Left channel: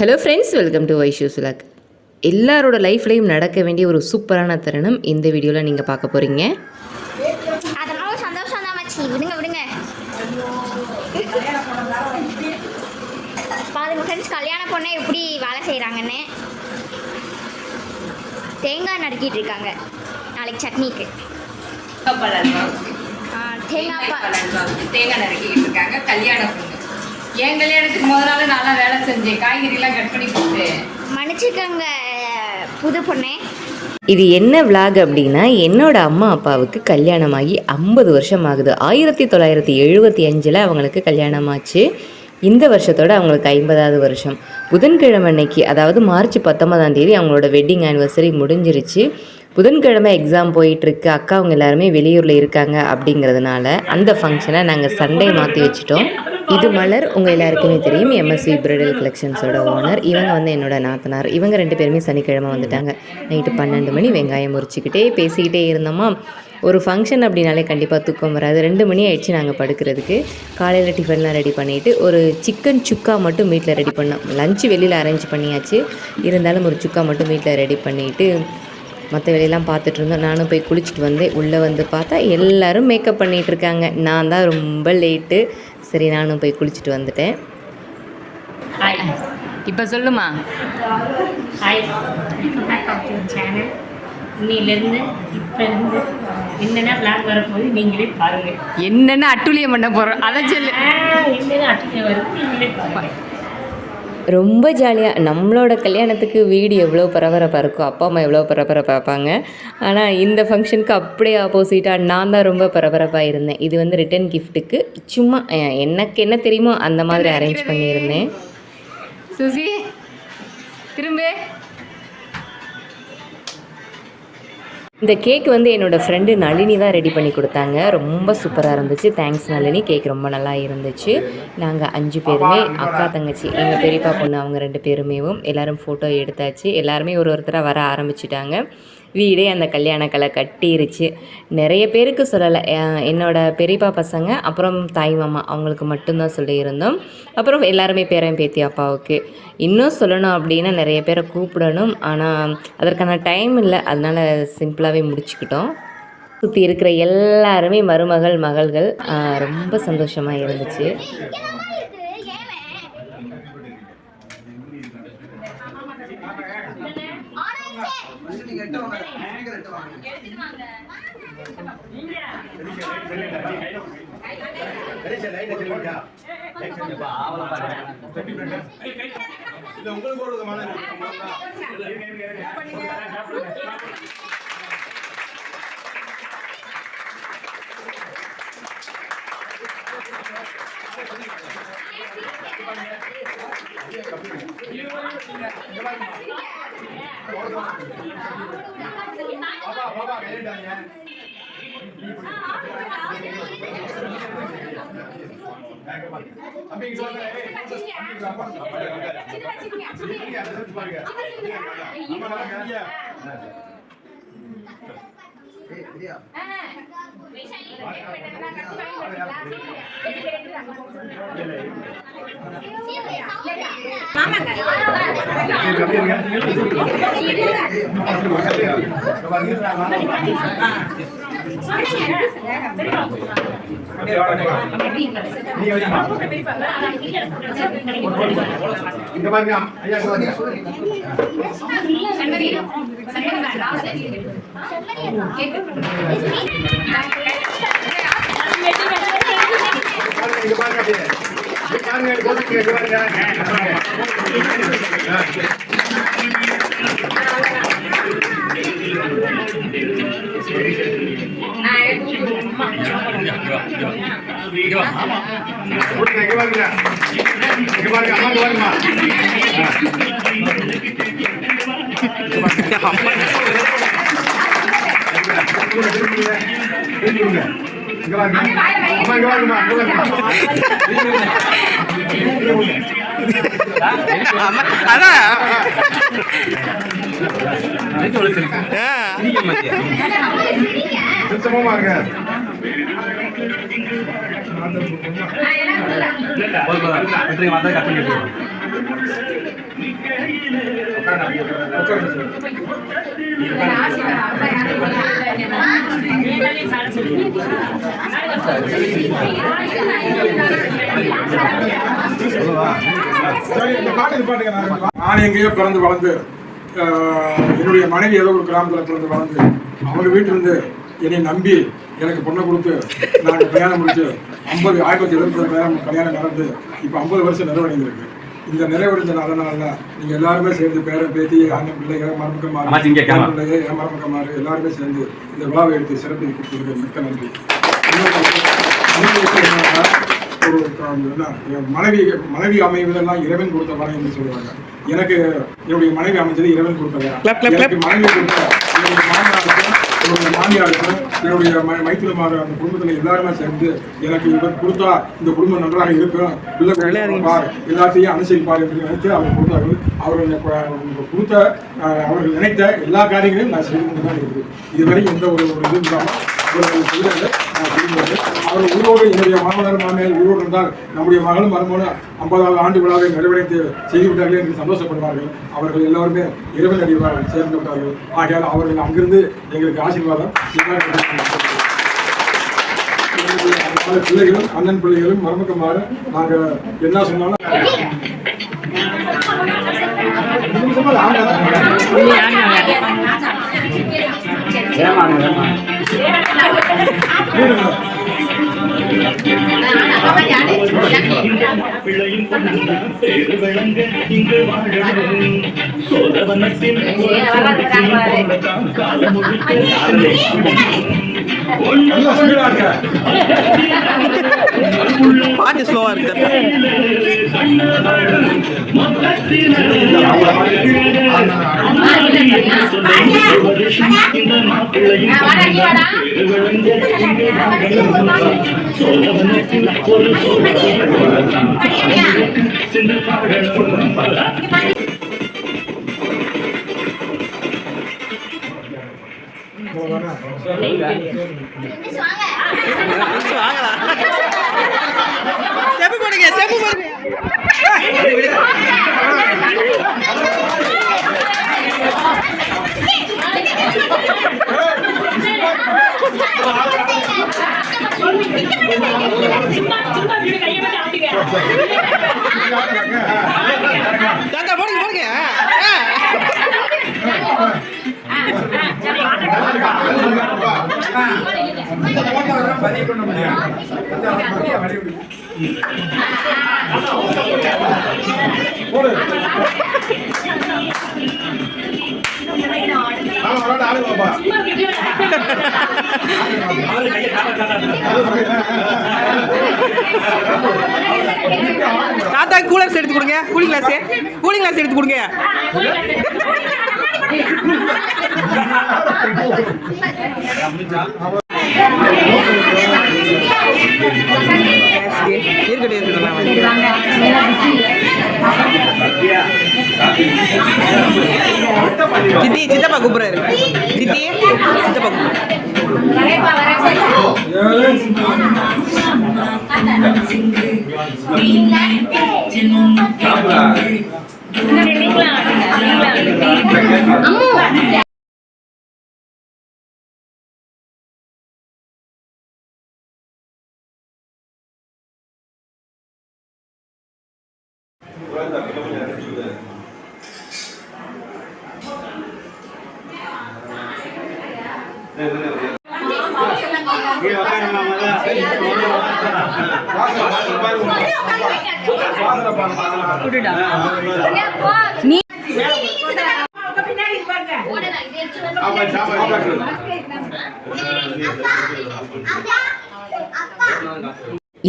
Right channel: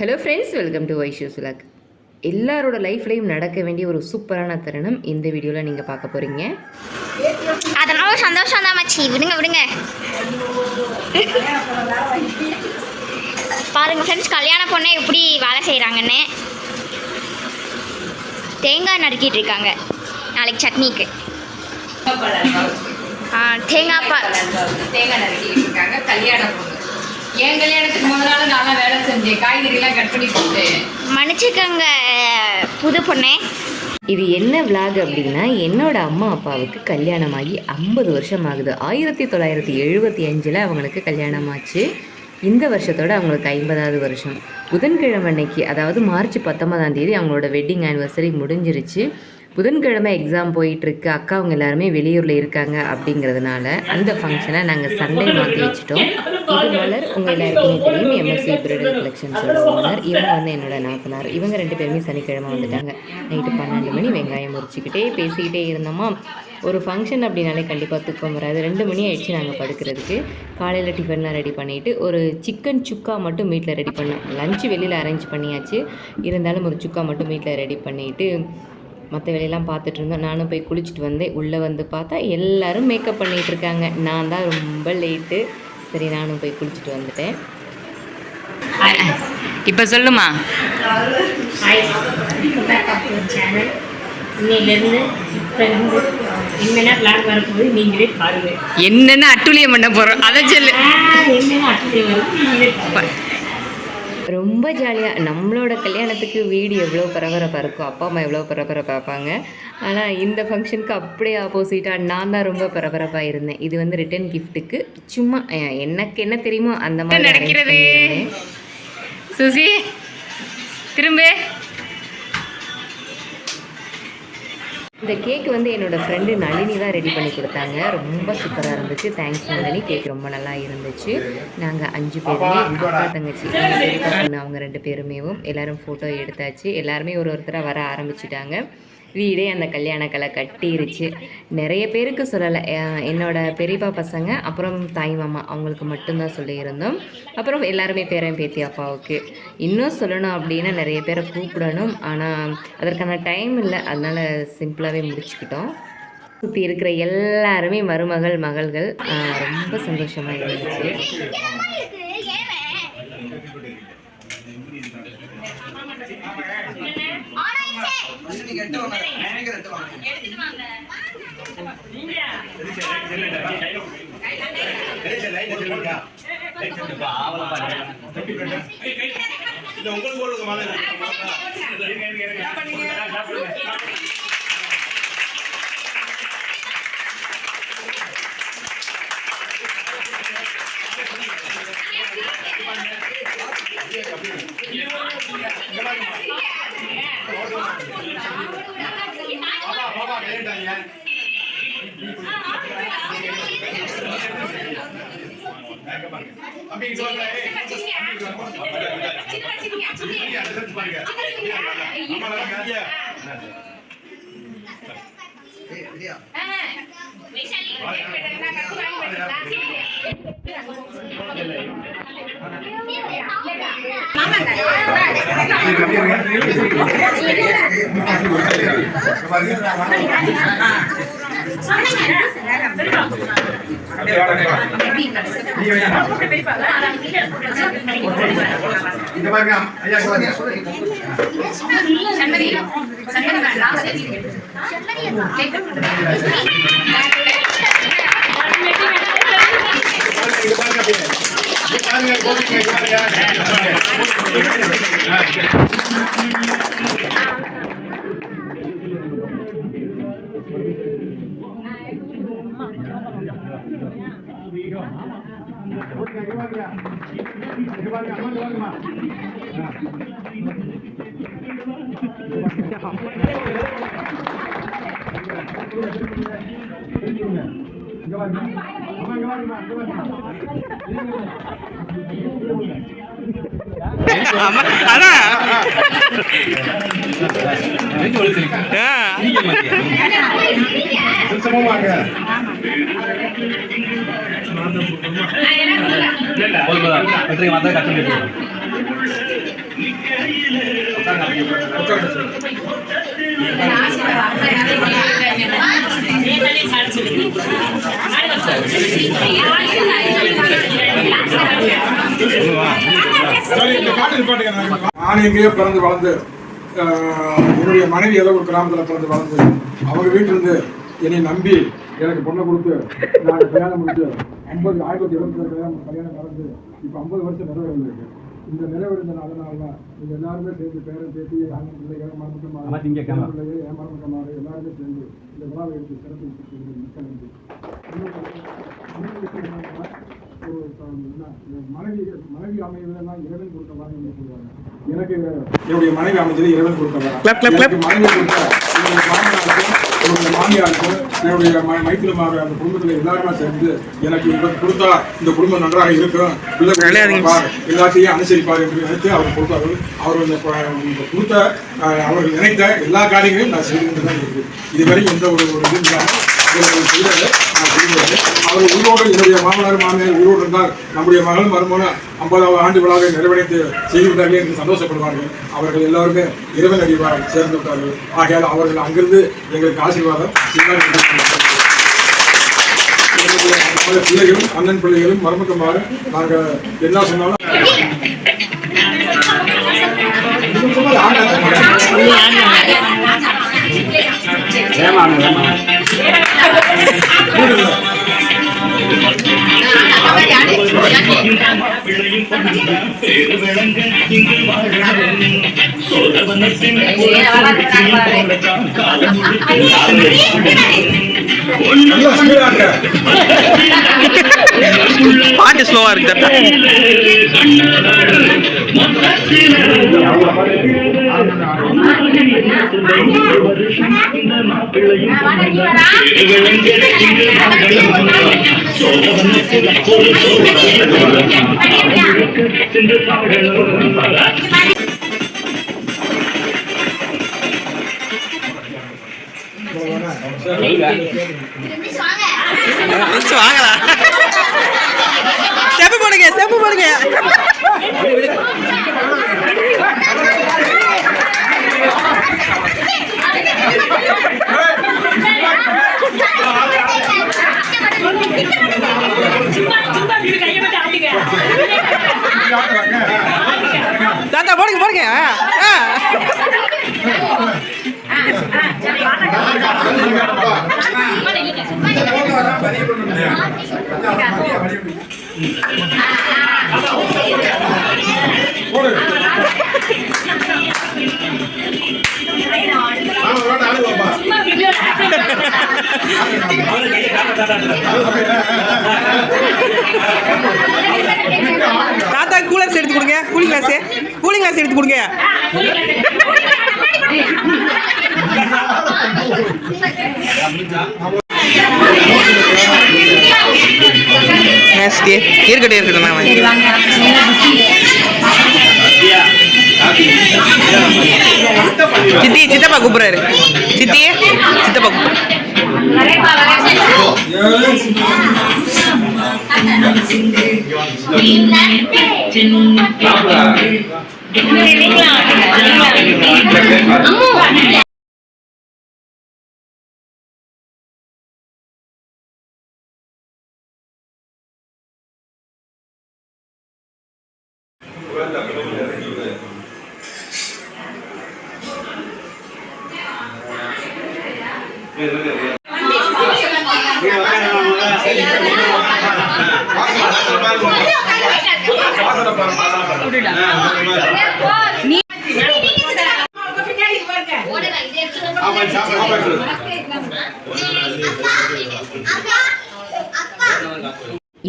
Hello friends, welcome to Vaishu's vlog. எல்லாரோட லைஃப்லையும் நடக்க வேண்டிய ஒரு சூப்பரான தருணம் இந்த வீடியோவில் நீங்கள் பார்க்க போகிறீங்க. அதெல்லாம் சந்தோஷம் தான் மச்சி. விடுங்க பாருங்க ஃப்ரெண்ட்ஸ், கல்யாண பொண்ணை எப்படி வேலை செய்கிறாங்கன்னு. தேங்காய் நறுக்கிட்டு இருக்காங்க நாளைக்கு சட்னிக்கு. தேங்காய் நறுக்கிட்டு இருக்காங்க. கல்யாண பொண்ணு என் கல்யாணத்துக்கு முதல் நாள் நான் வேலை செஞ்சேன். காய்கறிலாம் கட் பண்ணி போட்டு மன்னிச்சுக்கோங்க புது பொண்ணே. இது என்ன விலாக் அப்படின்னா, என்னோட அம்மா அப்பாவுக்கு கல்யாணமாகி 50 வருஷம் ஆகுது. 1975 அவங்களுக்கு கல்யாணம் ஆச்சு. இந்த வருஷத்தோட அவங்களுக்கு 50வது வருஷம். புதன்கிழமை அன்னைக்கு, அதாவது மார்ச் 19 அவங்களோட வெட்டிங் ஆனிவர்சரி முடிஞ்சிருச்சு. புதன்கிழமை எக்ஸாம் போயிட்டுருக்கு. அக்கா அவங்க எல்லாருமே வெளியூரில் இருக்காங்க. அப்படிங்கிறதுனால அந்த ஃபங்க்ஷனை நாங்கள் சண்டே மாற்றி வச்சுட்டோம். இது மலர், உங்கள் எல்லாருக்குமே தெரியும், எம்எஸ்வி பிரைடல் கலெக்ஷன்ஸோட ஓனர். இவங்க என்னோட நாத்தனார். இவங்க 2 பேருமே சனிக்கிழமை வந்துட்டாங்க. நைட்டு 12 மணி வெங்காயம் முறிச்சிக்கிட்டே பேசிக்கிட்டே இருந்தோமா. ஒரு ஃபங்க்ஷன் அப்படின்னாலே கண்டிப்பாக தூக்கம் வராது. 2 மணி ஆயிடுச்சு நாங்கள் படுக்கிறதுக்கு. காலையில் டிஃபன்லாம் ரெடி பண்ணிவிட்டு ஒரு சிக்கன் சுக்கா மட்டும் வீட்டில் ரெடி பண்ணோம். லஞ்சு வெளியில் அரேஞ்ச் பண்ணியாச்சு, இருந்தாலும் ஒரு சுக்கா மட்டும் வீட்டில் ரெடி பண்ணிவிட்டு மற்ற வேலையெல்லாம் பார்த்துட்டு இருந்தோம். நானும் போய் குளிச்சுட்டு வந்தேன். உள்ளே வந்து பார்த்தா எல்லோரும் மேக்கப் பண்ணிகிட்ருக்காங்க. நான் தான் ரொம்ப லேட்டு. சரி, நானும் போய் குளிச்சுட்டு வந்துட்டேன். இப்போ சொல்லுமா. இன்னிலேருந்து என்னென்ன பிளான் வரப்போகுது நீங்களே பாருங்கள். என்னென்ன அட்டுழியம் பண்ண போகிறோம் அதை சொல்லு. என்னென்ன அட்டுழியம் வருது நீங்களே பாருங்கள். ரொம்ப ஜாலியாக நம்மளோட கல்யாணத்துக்கு வீடு எவ்வளோ பரபரப்பாக இருக்கும், அப்பா அம்மா எவ்வளோ பரபரப்பாக பார்ப்பாங்க. ஆனால் இந்த ஃபங்க்ஷனுக்கு அப்படியே ஆப்போசிட்டாக நான் தான் ரொம்ப பரபரப்பாக இருந்தேன். இது ரிட்டன் கிஃப்ட்டுக்கு சும்மா எனக்கு என்ன தெரியுமோ அந்த மாதிரி அரேஞ்ச் பண்ணியிருந்தேன். சுசி திரும்ப. இந்த கேக் என்னோடய ஃப்ரெண்டு நளினி தான் ரெடி பண்ணி கொடுத்தாங்க. ரொம்ப சூப்பராக இருந்துச்சு. தேங்க்ஸ் நளினி. கேக் ரொம்ப நல்லா இருந்துச்சு. நாங்கள் 5 பேருமே, அக்கா தங்கச்சி, எங்கள் பெரியப்பா பொண்ணு, அவங்க 2 பேருமேவும் எல்லோரும் ஃபோட்டோ எடுத்தாச்சு. எல்லாருமே ஒருத்தராக வர ஆரம்பிச்சிட்டாங்க. வீடே அந்த கல்யாண கலை கட்டிருச்சு. நிறைய பேருக்கு சொல்லலை. என்னோடய பெரியப்பா பசங்க, அப்புறம் தாய் மாமா, அவங்களுக்கு மட்டும்தான் சொல்லியிருந்தோம். அப்புறம் எல்லாருமே பேரன் பேத்தி அப்பாவுக்கு. இன்னும் சொல்லணும் அப்படின்னா நிறைய பேரை கூப்பிடணும், ஆனால் அதற்கான டைம் இல்லை. அதனால் சிம்பிளாகவே முடிச்சுக்கிட்டோம். சுற்றி இருக்கிற எல்லாருமே மருமகள் மகள்கள். ரொம்ப சந்தோஷமாக இருந்துச்சு. Boleh, நான் எங்கேயோ பிறந்து வளர்ந்து என்னுடைய மனைவி ஏதோ ஒரு கிராமத்தில் பிறந்து வளர்ந்து அவங்க வீட்டிலிருந்து என்னை நம்பி எனக்கு பொண்ணை கொடுத்து நாங்கள் கல்யாணம் முடிச்சு 1970 கல்யாணம் நடந்து இப்போ 50 வருஷம் நிறைவடைந்திருக்கு. இந்த நிறைவடைஞ்ச நாளில் நீங்கள் எல்லாருமே சேர்ந்து பேரன் பேத்தி அண்ணன் பிள்ளைகள் மருமக்கமாறு மருமக்கமாறு எல்லாருமே சேர்ந்து இந்த விழாவை எடுத்து சிறப்பு கொடுத்துருக்கு. மிக்க நன்றி. ஒரு மனைவி அமைவதெல்லாம் இறைவன் கொடுத்த வரம் என்று சொல்லுவாங்க. எனக்கு என்னுடைய மனைவி அமைஞ்சது இறைவன் கொடுத்த வரம். மனைவி கொடுத்த என்னுடைய மாமனாருக்கும் என்னுடைய மாமியாருக்கும் என்னுடைய மைத்திரமாக அந்த குடும்பத்தில் எல்லாருமே சேர்ந்து எனக்கு இவர் கொடுத்தா இந்த குடும்பம் நன்றாக இருக்கும், எல்லாத்தையும் அனுசரிப்பார் என்று நினைத்து அவர் கொடுத்தார்கள். அவர் கொடுத்த அவர்கள் நினைத்த எல்லா காரியங்களையும் நான் செய்து கொண்டு தான் இருக்குது. இதுவரை எந்த ஒரு இது இல்லாமல் அவர் உயிரோடு என்னுடைய மாமனார் மாமியார் உயிரோடு இருந்தால் நம்முடைய மகளும் மருமகனும் 50வது ஆண்டு விழாவை நிறைவடைத்து செய்து விட்டார்கள் என்று சந்தோஷப்படுவார்கள். அவர்கள் எல்லாருமே இறைவன் அடிவார் சேர்ந்து விட்டார்கள். ஆகையால் அவர்கள் அங்கிருந்து எங்களுக்கு ஆசீர்வாதம் பிள்ளைகளும் அண்ணன் பிள்ளைகளும் மருமக்கமாறு நாங்கள் என்ன சொன்னாலும் பாட்டு ஸ்லோவா இருக்கு. வாங்கலாம் செப்பு போடுங்க செப்பு போடுங்க. தாத்தா போடுங்க போடுங்க. தாத்தா கூலர்ஸ் எடுத்து கொடுங்க. கூலிங் கிளாஸ் எடுத்து கொடுங்க. இருக்கட்டும் சித்தி சித்தப்பா கூப்பிடுறாரு. சித்தியே சித்தப்பா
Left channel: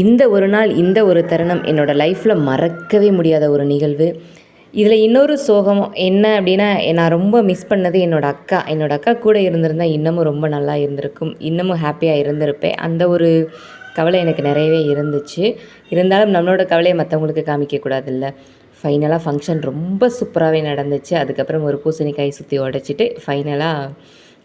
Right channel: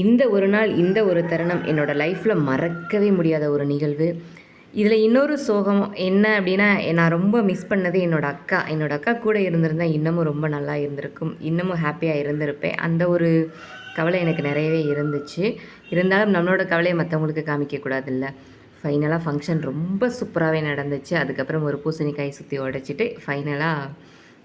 இந்த ஒரு நாள், இந்த ஒரு தருணம் என்னோடய லைஃப்பில் மறக்கவே முடியாத ஒரு நிகழ்வு. இதில் இன்னொரு சோகம் என்ன அப்படின்னா, நான் ரொம்ப மிஸ் பண்ணது என்னோடய அக்கா கூட இருந்திருந்தால் இன்னமும் ரொம்ப நல்லா இருந்திருக்கும், இன்னமும் ஹாப்பியாக இருந்திருப்பேன். அந்த ஒரு கவலை எனக்கு நிறையவே இருந்துச்சு. இருந்தாலும் நம்மளோட கவலையை மற்றவங்களுக்கு காமிக்கக்கூடாதுல்ல. ஃபைனலாக ஃபங்க்ஷன் ரொம்ப சூப்பராகவே நடந்துச்சு. அதுக்கப்புறம் ஒரு பூசணிக்காய் சுற்றி உடைச்சிட்டு ஃபைனலாக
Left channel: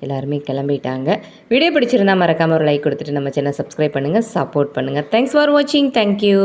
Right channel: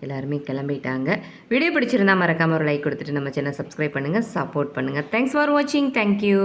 எல்லாருமே கிளம்பிட்டாங்க. வீடியோ பிடிச்சிருந்தால் மறக்காமல் ஒரு லைக் கொடுத்துட்டு நம்ம சேனல் சப்ஸ்கிரைப் பண்ணுங்கள், சப்போர்ட் பண்ணுங்கள். தேங்க்ஸ் ஃபார் வாட்சிங். தேங்க்யூ.